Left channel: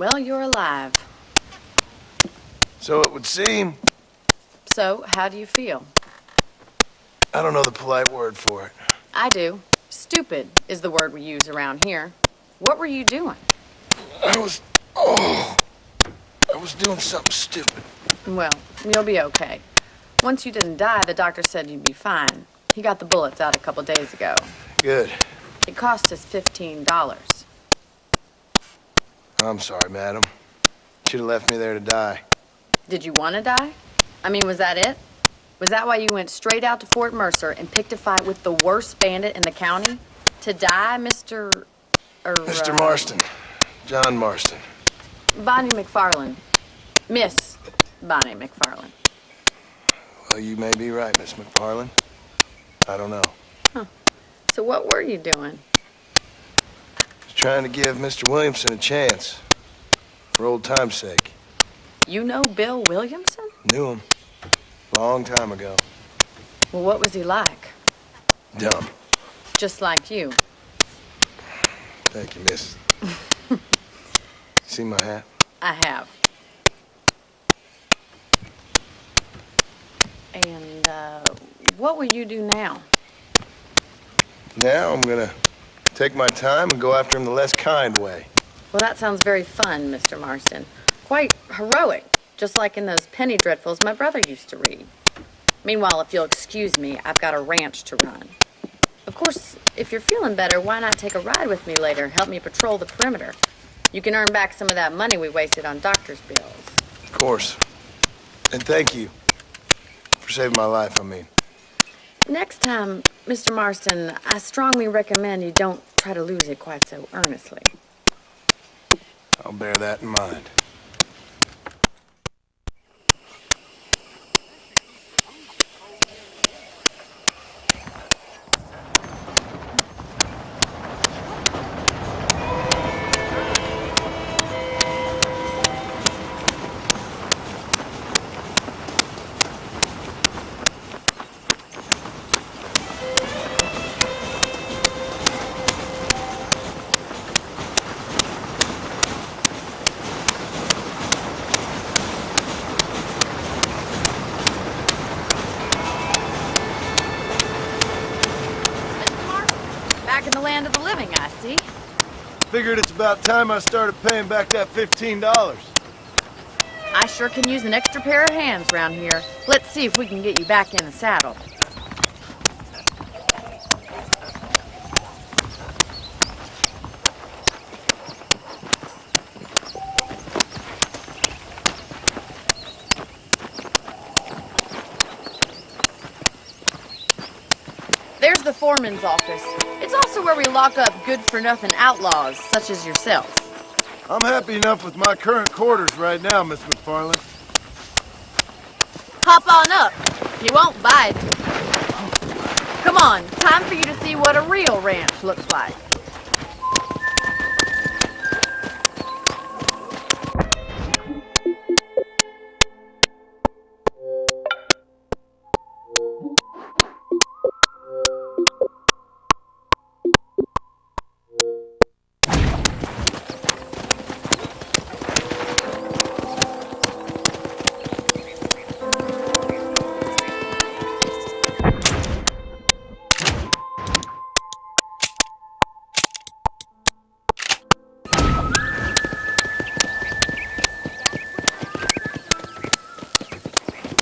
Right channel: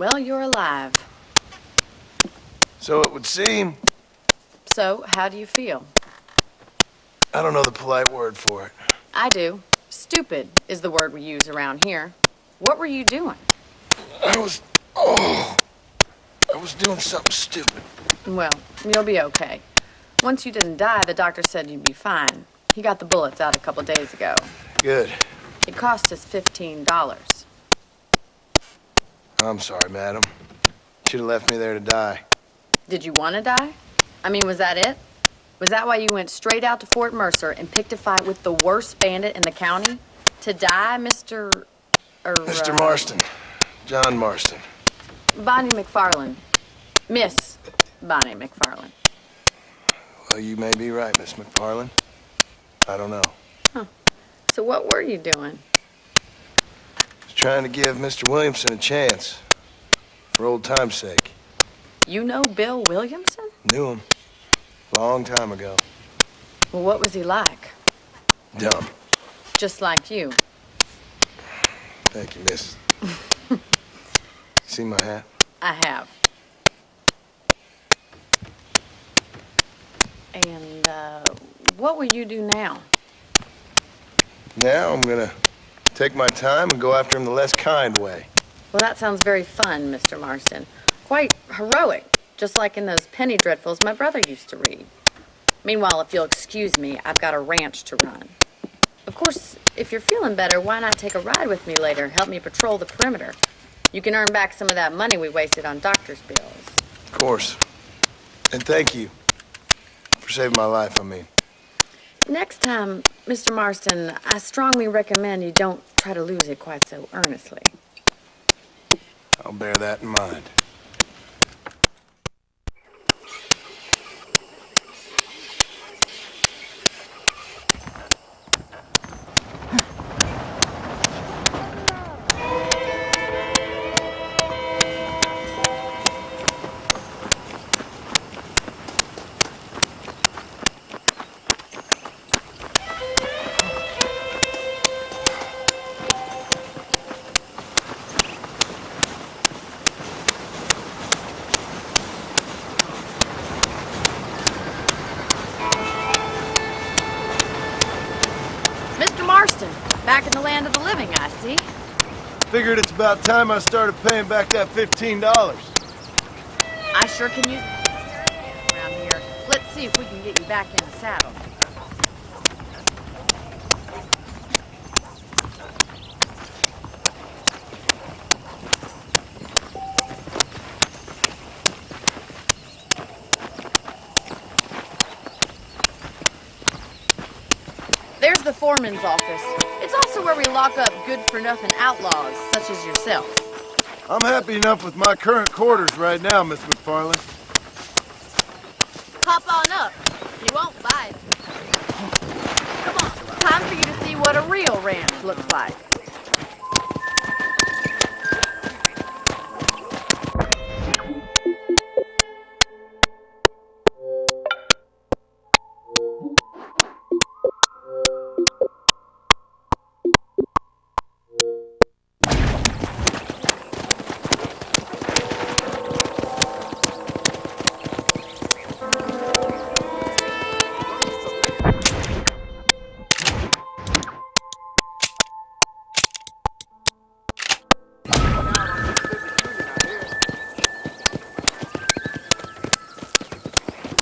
Well, you're alive. So it would seem. So, how do you feel? I don't know the polite word for it. I do. Stupid is the word we use around here. What were you doing? I was doing something stupid. Well, you'll be okay. Once you didn't die, the doctor said you'd be fine. He got the bullets out a couple days ago. Good. It cost us $15. I'm sorry, madam. Should have left me there to die. Did you want to die? I mean, was that it? Was that why you went straight out to Fort Mercer and picked a fight with the worst bandit in the county? To die, Mr. Mr. Marston. John Marston. Bonnie McFarland. Miss Bonnie McFarland. Well, you may be right, Miss McFarland. I don't know. Huh. So what were you doing? Was trying to give Mr. Williamson a chance. For old time's sake. You know Bill Williamson? Knew him. Long time ago. Well, what was he like? Dumb. Just like you. Thank you, miss. See my hat? I have. And, what will you do now? Now I'm gonna take my time and go after him the less kind way. Well, that sounds very fun, Mr. Marston. Quite heroic, just like in those penny dreadfuls my brother used to read. Meanwhile, if you'll excuse me, I've got a ranch to run. Of course, if you're feeling better, why not take a ride with me later? Help me patrol the perimeter. You can earn back some of that money we wasted on doctor's bills. Of course. And thank you. For saving my life, I mean. Next time, Mr. Marston, I strongly recommend you don't try to lose it quite so earnestly. I'll bear that in mind. Mr. Marston, back in the land of the living, I see. Figured it's about time I started paying back that $15. I sure can use an extra pair of hands around here. Let's see if we can get you back in the saddle. There's the foreman's office. It's also where we lock up good-for-nothing outlaws, such as yourself. I'm happy enough with my current quarters right now, Miss McFarland. Hop on up. You won't bite. Come on, time for you to see what a real ranch looks like.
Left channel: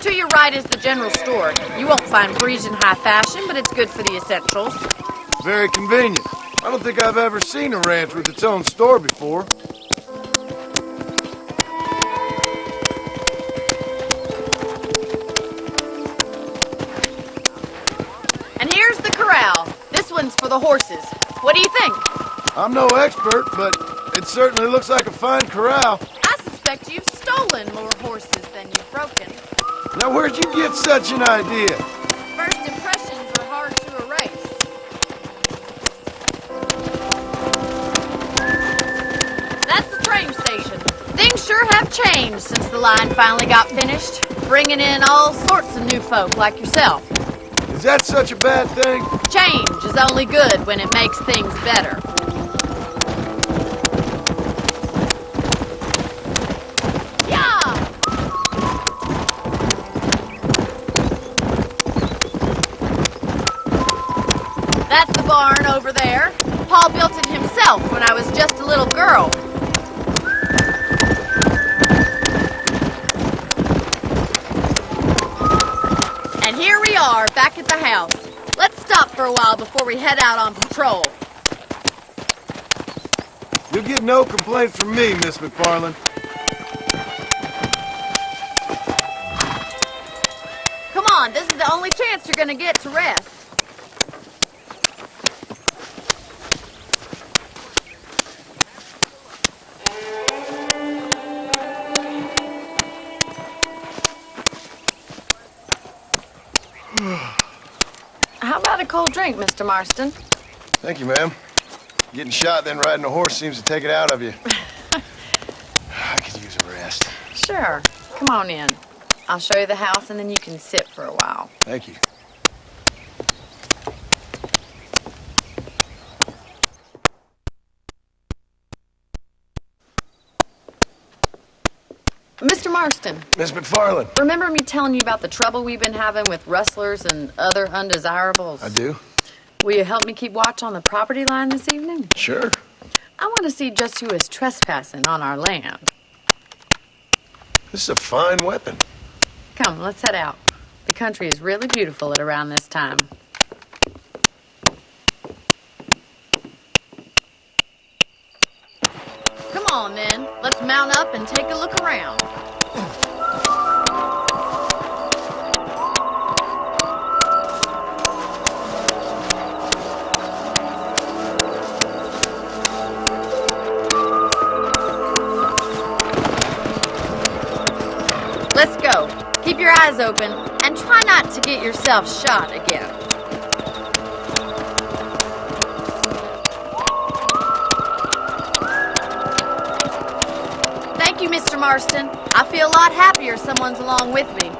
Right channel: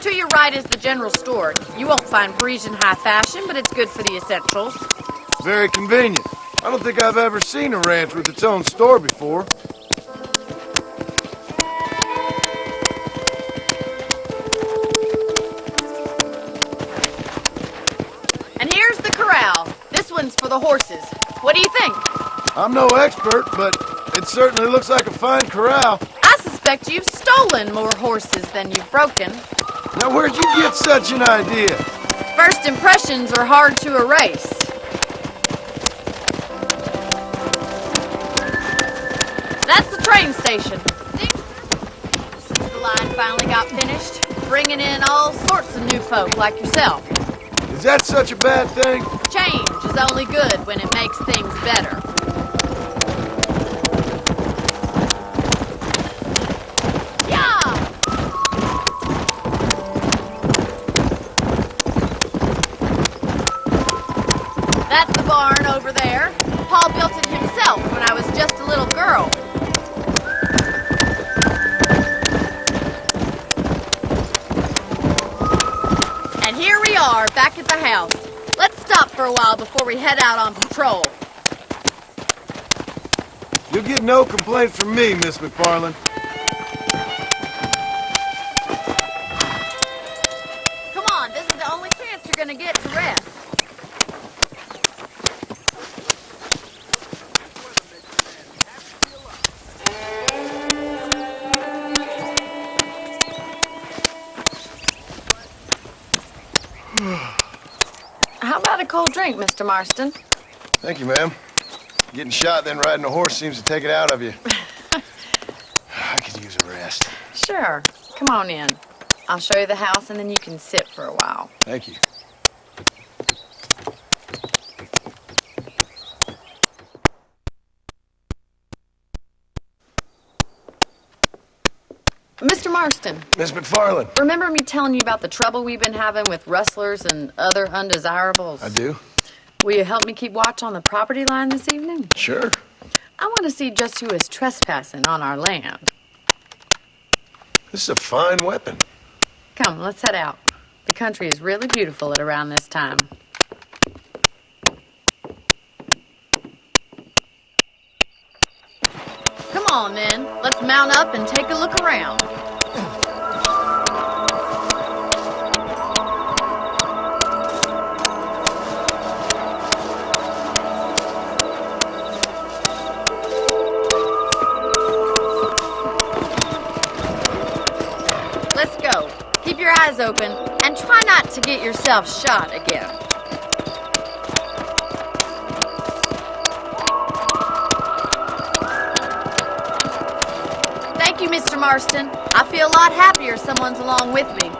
To your right is the general store. You won't find Parisian high fashion, but it's good for the essentials. Very convenient. I don't think I've ever seen a ranch with its own store before. And here's the corral. This one's for the horses. What do you think? I'm no expert, but it certainly looks like a fine corral. I suspect you've stolen more horses than you've broken. Now, where'd you get such an idea? First impressions are hard to erase. That's the train station. Things sure have changed since the line finally got finished, bringing in all sorts of new folk like yourself. Is that such a bad thing? Change is only good when it makes things better. barn over there. Paul built it himself when I was just a little girl. And here we are, back at the house. Let's stop for a while before we head out on patrol. You'll get no complaint from me, Miss McFarland. Come on, this is the only chance you're gonna get to rest. How about a cold drink, Mr. Marston? Thank you, ma'am. Getting shot, then riding a horse seems to take it out of you. I could use a rest. Sure. Come on in. I'll show you the house, and then you can sit for a while. Thank you. Mr. Marston, Miss McFarland. remember me telling you about the trouble we've been having with rustlers and other undesirables? I do. Will you help me keep watch on the property line this evening? Sure. I want to see just who is trespassing on our land. This is a fine weapon. Come, let's head out. The country is really beautiful at around this time. Come on, then. Let's mount up and take a look around. Let's go. Keep your eyes open and try not to get yourself shot again. Thank you, Mr. Marston. I feel a lot happier someone's along with me.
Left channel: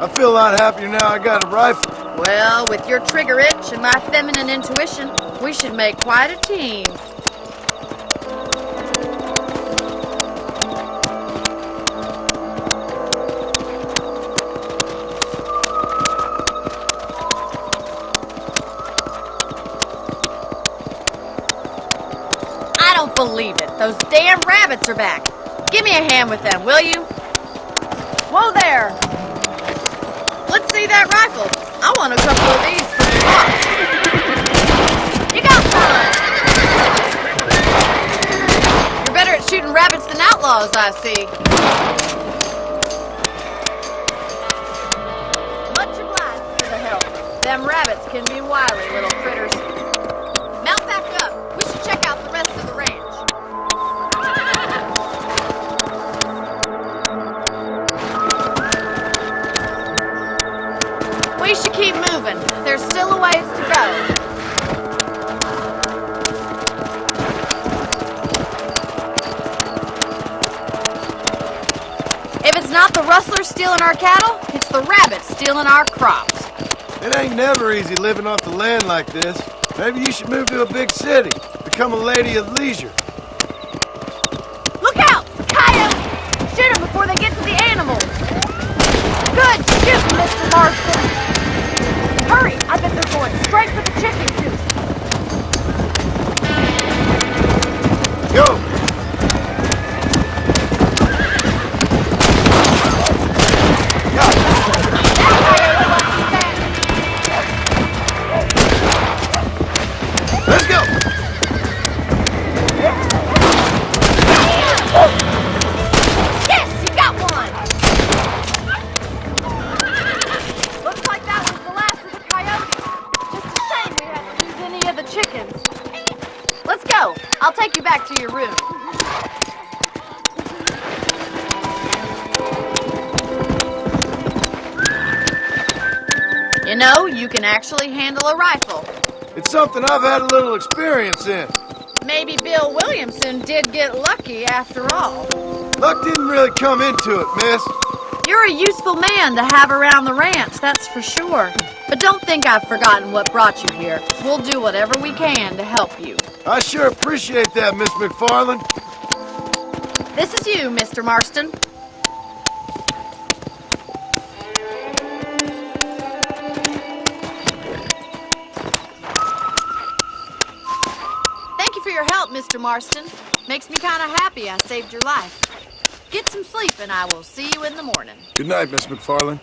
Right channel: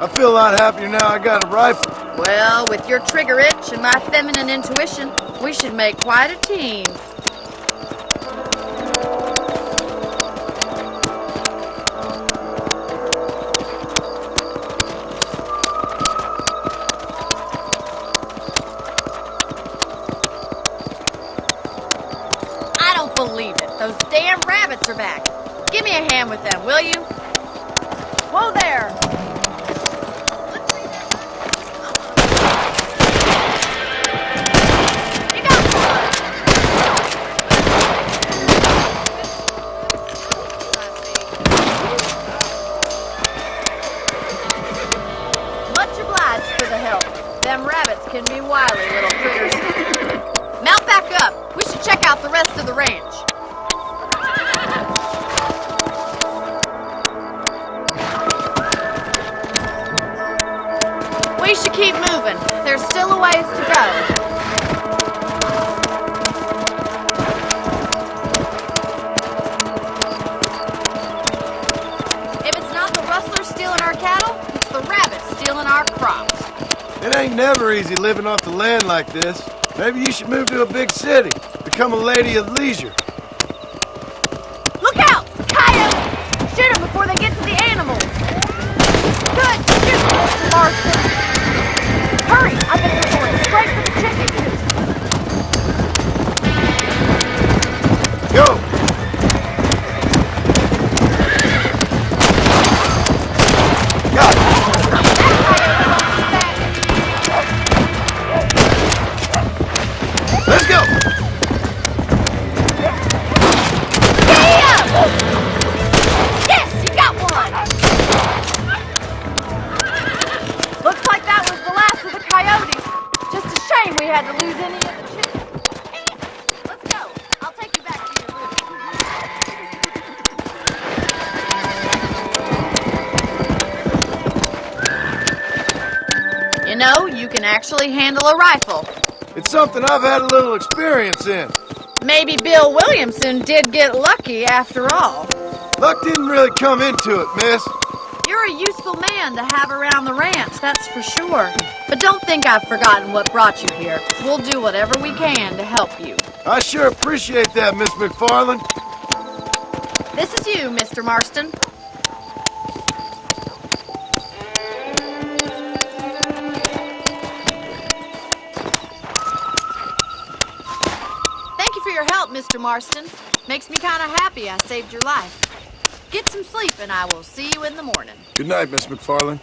I feel a lot happier now I got a rifle. Well, with your trigger itch and my feminine intuition, we should make quite a team. I don't believe it. Those damn rabbits are back. Give me a hand with them, will you? Whoa there! Let's see that rifle. I want a couple of these for the box. You got one! You're better at shooting rabbits than outlaws, I see. Much obliged for the help. Them rabbits can be wily little critters. Mount back up. We should check out the rest of the ranch. We should keep moving. There's still a ways to go. If it's not the rustlers stealing our cattle, it's the rabbits stealing our crops. It ain't never easy living off the land like this. Maybe you should move to a big city. Become a lady of leisure. Look out! Coyotes! Shoot them before they get to the animals. Good shooting, Mr. Marston. Hurry! I bet they're going straight for the chicken coop. Go! Got it. That coyote won't be back. Let's go! Looks like that was the last of the coyotes. Just a shame we had to lose any of the chickens. Let's go. I'll take you back to your room. You know, you can actually handle a rifle. It's something I've had a little experience in. Maybe Bill Williamson did get lucky after all. Luck didn't really come into it, miss. You're a useful man to have around the ranch, that's for sure. But don't think I've forgotten what brought you here. We'll do whatever we can to help you. I sure appreciate that, Miss McFarland. This is you, Mr. Marston. help, Mr. Marston. Makes me kind of happy I saved your life. Get some sleep, and I will see you in the morning. Good night, Miss McFarland.